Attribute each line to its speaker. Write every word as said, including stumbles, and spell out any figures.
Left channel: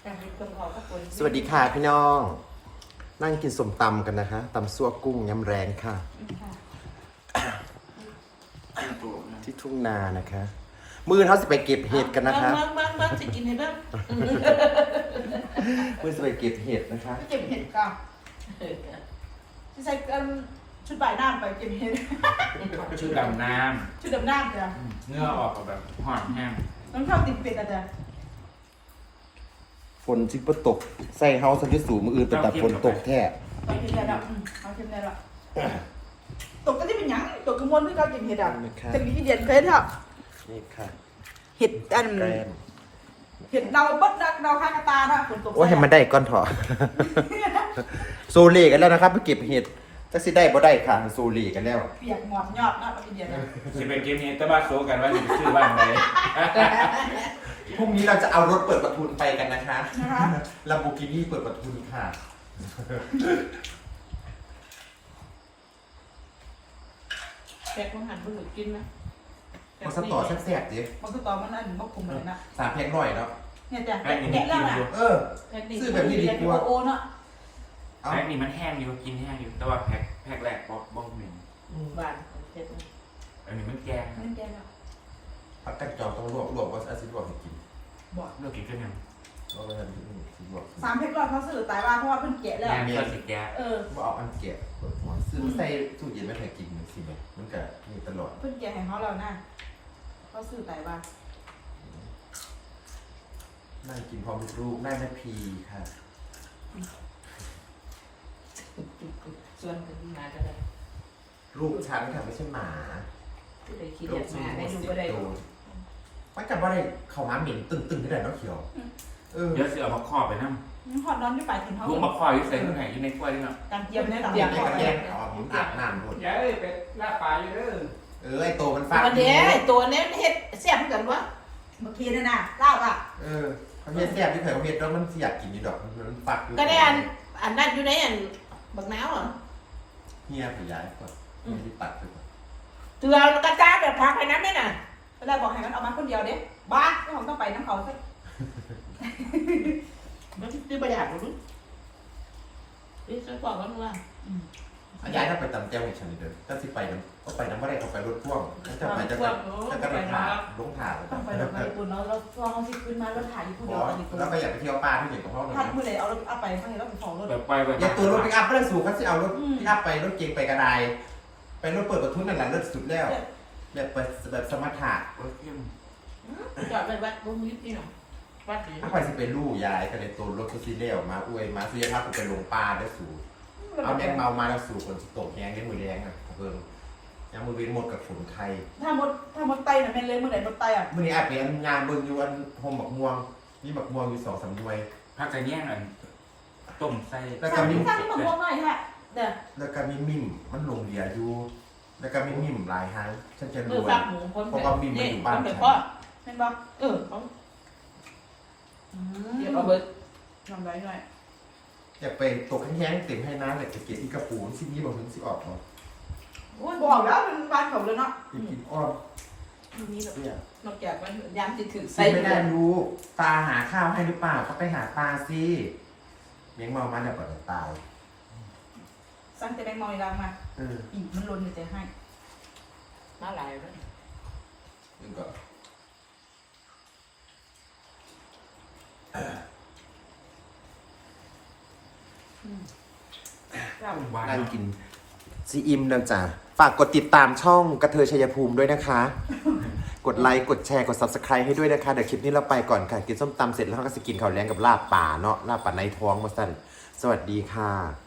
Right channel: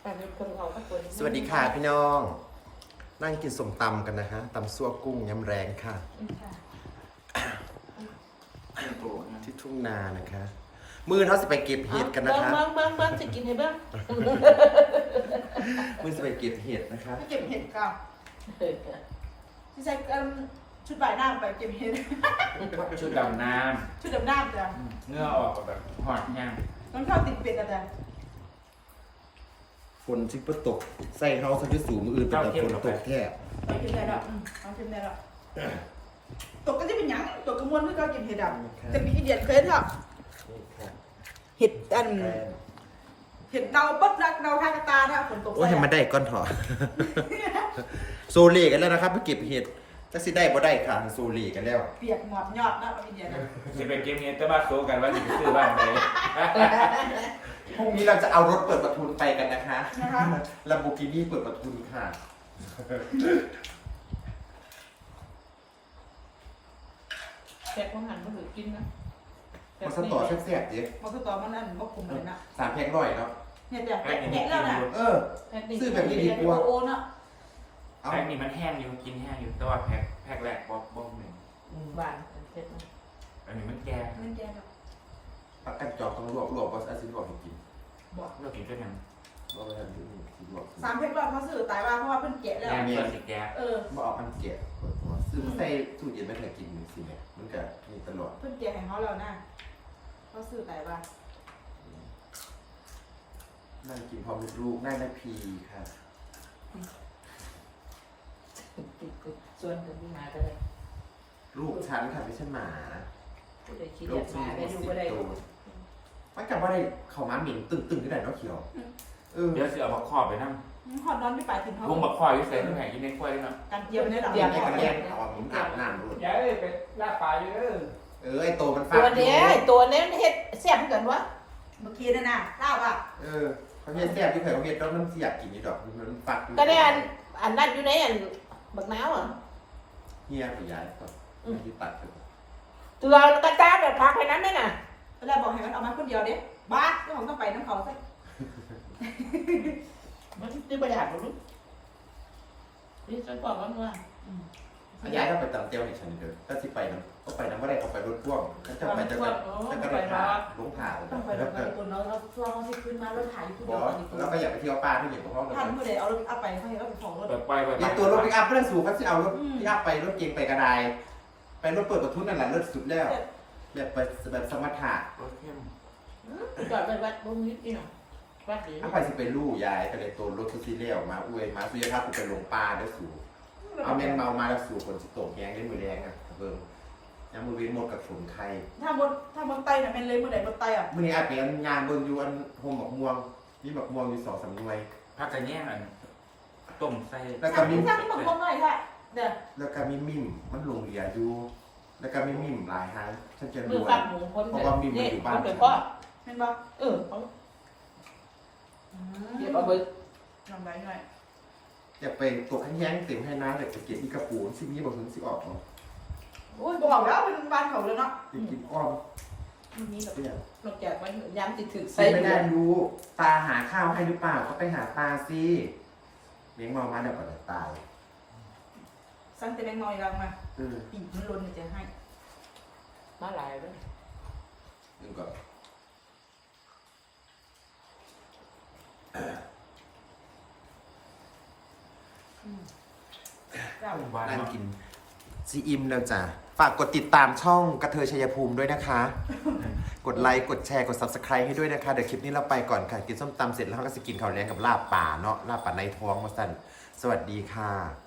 Speaker 1: สวัสดีค่ะพี่น้องนั่งกินส้มตำกันนะคะตำซั่วกุ้งยำแรงค่ะที่ทุ่งนานะคะมือเขาสิไปเก็บเห็ดกันนะคะ
Speaker 2: เบิ้งเบิ้งเบิ้งสิกินให้เบิ้ง
Speaker 1: มือสิไปเก็บเห็ดนะคะ
Speaker 2: ไปเก็บเห็ดกันที่ใส่ชุดบ่ายน้ำไปเก็บเห็ด
Speaker 3: ชุดดำน้
Speaker 2: ชุดดำน้ำจ้ะ
Speaker 3: ำเนื้อออกกับแบบหอนแห้ง
Speaker 2: น้องชอบติดเป็ดอ่ะจ้ะ
Speaker 1: ฝนชิบตกใส่เฮาสักที่สูงมืออื่นเป็นแต่ฝนตกแท้
Speaker 2: ไปเก็บได้แล้วเอาเก็บได้แล้วตกก็ที่เป็นหยังตกกระมวลเพื่อการกินเห็ดอ่ะจะมีที่เดียนเคยเถอะ
Speaker 1: นี่ค่ะ
Speaker 2: เห็ดอัน
Speaker 1: แกรน
Speaker 2: เห็ดเดาบดรักเดาข้างกระตาถ้าฝนตก
Speaker 1: ว่าให้มันได้ก้อนเถอะ โซเล่กันแล้วนะครับไปเก็บเห็ดจะสิได้บ่ได้ค่ะโซเล่กันแล้ว
Speaker 2: เปียกหมอนยอดนะพี่เดียน
Speaker 3: จะเป็นเกมนี้แต่ว่าโซกันว่าจะไปซื้อบ้านไหน
Speaker 1: พรุ่งนี้เราจะเอารถเปิดประทุนไปกันนะคะ
Speaker 2: นะคะ
Speaker 1: ลัมโบกินี่เปิดประทุนค่ะ
Speaker 4: แกะต้องหันไปหลุดกินนะ
Speaker 1: มาสตอแซ่บๆดิ
Speaker 2: มันคือตอนมันนั่นมันคุมอะไรนะ
Speaker 1: สามแพ็คร้อยเนาะ
Speaker 2: เนี่ยจ้ะแกะแกะแล้วน่ะ
Speaker 1: เออ ซื้อแบบนี้ดีกว่า
Speaker 2: โอเนาะ
Speaker 1: เอา
Speaker 3: แพ็กนี่มันแห้งอยู่กินแห้งอยู่แต่ว่าแพ็กแพ็กแรกป๊อกบ้องหนึ่ง
Speaker 4: บานเผ็ด
Speaker 3: อันนี้มันแกง
Speaker 2: เล่นแกะแล้ว
Speaker 1: พักกันจองต้องลวกลวกว่าอาซิลวกให้กิน
Speaker 2: บอก
Speaker 3: เรากินก็ยัง
Speaker 1: เอาไปทำที่นี่ลวก
Speaker 2: สามเพชรร้อยเขาสื่อตายว่าเพราะว่าเพิ่นแกะแล้ว
Speaker 3: แกงก็สิแกง
Speaker 2: เออ
Speaker 1: มาเอาอันเก็บเปิดหัวซื้อมาใส่ตู้เย็นไม่เคยกินเลยสิเนี่ยมันก็มีตลอด
Speaker 2: เพิ่นแกะให้เขาแล้วนะเขาสื่อตายว่า
Speaker 1: นั่งกินพร้อมลูกได้แม่พีค่ะ
Speaker 4: ส่วนกันมาก็ได้
Speaker 1: ลูกฉันค่ะไม่ใช่หมา
Speaker 4: ผู้ใดขี้
Speaker 1: ลู
Speaker 4: เดีย
Speaker 1: ก
Speaker 4: ด
Speaker 1: ฉัน
Speaker 4: มา
Speaker 1: มี
Speaker 4: ได้
Speaker 1: หม
Speaker 4: ดู
Speaker 1: ดสิบ
Speaker 4: ก็ได้
Speaker 1: ตัวมันกันว่าได้เข้ามาเหม็นตึงๆที่ไหนเนาะเขียวเออ
Speaker 3: เดี๋ยวเสือมาครอบไปนั่ง
Speaker 2: หอดนอนที่ปลายกินเขา
Speaker 3: ลุงมาครอบอยู่ใส่ที่ไหนอีในกล้วยด้วยนะ
Speaker 2: การเกียร์มันได้หรอ
Speaker 1: เรียกได้ก็แยกเอาอะผมอาบน้ำด้วย
Speaker 3: ยายไปล่าปลาอยู่เด้อ
Speaker 1: เออไอโตมันฟา
Speaker 4: ตัวเนี้ยตัวเนี้ยเฮ็ดแซ่บกันวะ
Speaker 2: เมื่อกี้นั่นน่ะเล่าอ่ะ
Speaker 1: เออเขาเฮ็ดแซ่บที่เคยเขาเฮ็ดแล้วมันสิอยากกินอยู่ดอกมันฟักอยู่
Speaker 4: ก็ได้อันอันนั้นอยู่ในอันบักน้าวอ่ะ
Speaker 1: เฮียขยายก่อนมันมีตัดไปก่อน
Speaker 4: ตัวกระจายแบบพักในนั้นนั่นน่ะ
Speaker 2: แล้วบอกให้มันเอามาคนเดียวเด้บ้าเจ้าของต้องไปน้ำเขาซะ
Speaker 4: มันซื้อประหยัดหรือนี่ฉันบอกว่าว่า
Speaker 1: ขยายถ้าไปตำเจ้าให้ฉันเด้อถ้าสิไปน้ำก็ไปน้ำบ่ได้เขาไปรถพ่วงถ้าจะไปจะแบบถ้าก็ไปถ่ายลงถ่าย
Speaker 2: ต้องไปเราไปคุณเราเราช่วงเขาสิขึ้นมาเราถ่ายอยู่คน
Speaker 1: บ
Speaker 2: เดีย
Speaker 1: อ
Speaker 2: ว
Speaker 1: ส
Speaker 2: อีกคน
Speaker 1: แล้วก็อยากไปเที่ยวป่าที่อยู่กับพ่อหนู
Speaker 2: ถ่ายเมื่อไหร่เอาเราเอาไปเขาเห็นเราเป็นของรถ
Speaker 3: แบบไปแบบ
Speaker 1: อย่าตัวรถปิกอัพไม่ได้สูงก็สิเอารถปิกอัพไปรถเก๋งไปกระไดไปรถเปิดประทุนนั่นแหละรถสุดแล้วแบบไปแบบสมถะ
Speaker 4: จอดไปวัดบุ้งนิดนี่หน่อยวัดนี้
Speaker 1: ถ้าไปสิไปลู่ยายก็เลยตัวรถก็สิเลี้ยวมาอวยมาสุยภาพกูไปลงป่าได้สูเอาแมงเมามาแล้วสู่คนสิตกแยงได้มือแรงอ่ะเพิ่มยังมือเว้นหมดกับฝนไข่
Speaker 2: ถ้ามดถ้ามดไตน่ะเป็นเลยเมื่อไหร่มดไตอ่ะ
Speaker 1: มื่อนี้อาจเป็นงานเบิ่งอยู่อันโฮมบักม่วงมีบักม่วงอยู่สองสามหน่วย
Speaker 3: ผักกระแยงอันต้มใส่
Speaker 1: แล้วก็มี
Speaker 2: ถ้ามีมะม่วงหน่อยค่ะเด้อ
Speaker 1: แล้วก็มีมิมมันลงเหลียอยู่ แล้วก็มีมิมหลายหางฉันจะร
Speaker 4: มือ
Speaker 1: วย
Speaker 4: ฟักหมูคน
Speaker 1: เพราะว่ามีมาอยู่บ้าน
Speaker 4: ไป
Speaker 1: ฉัน
Speaker 4: พ่อ
Speaker 2: แม่นบ่
Speaker 4: เออเขา
Speaker 2: อื
Speaker 4: เดี๋ยว
Speaker 2: ม
Speaker 4: เอาเบิด
Speaker 2: น้ำลายหน่อย
Speaker 1: อยากไปตกแห้งๆเต็มให้น้ำแต่จะเก็บที่กระปูนซิมีบางถึงสิออกเนาะ
Speaker 4: โอ้ย
Speaker 2: บอกแล้วเป็นบ้านเขาเลยเนาะ
Speaker 1: ไปกินอ้อม
Speaker 4: นี่
Speaker 1: เนี่ย
Speaker 4: นอกจากมันยำติดถือ
Speaker 1: ใส่ไม่ได้รู้ตาหาข้าวให้หรือเปล่าก็ไปหาปลาสิเลี้ยงเมามาเนี่ยก่อนจะตาย
Speaker 2: สั่งแต่แมงมอยรังมา
Speaker 1: เออ
Speaker 2: อีกมันล้นจะให้
Speaker 4: มาหลายแล้ว
Speaker 1: เดี๋ยวก่อนนั่งกินซีอิมแล้วจ้ะฝากกดติดตามช่องกระเทยชัยภูมิด้วยนะคะ กดไลค์ กดแชร์ กด ซับสไครบ์ ให้ด้วยนะคะ เดี๋ยวคลิปนี้เราไปก่อนค่ะ กินส้มตำเสร็จแล้วเราก็จะกินข้าวแรงกับลาบป่าเนาะ ลาบป่าในท้องมาสั่นสวัสดีค่ะ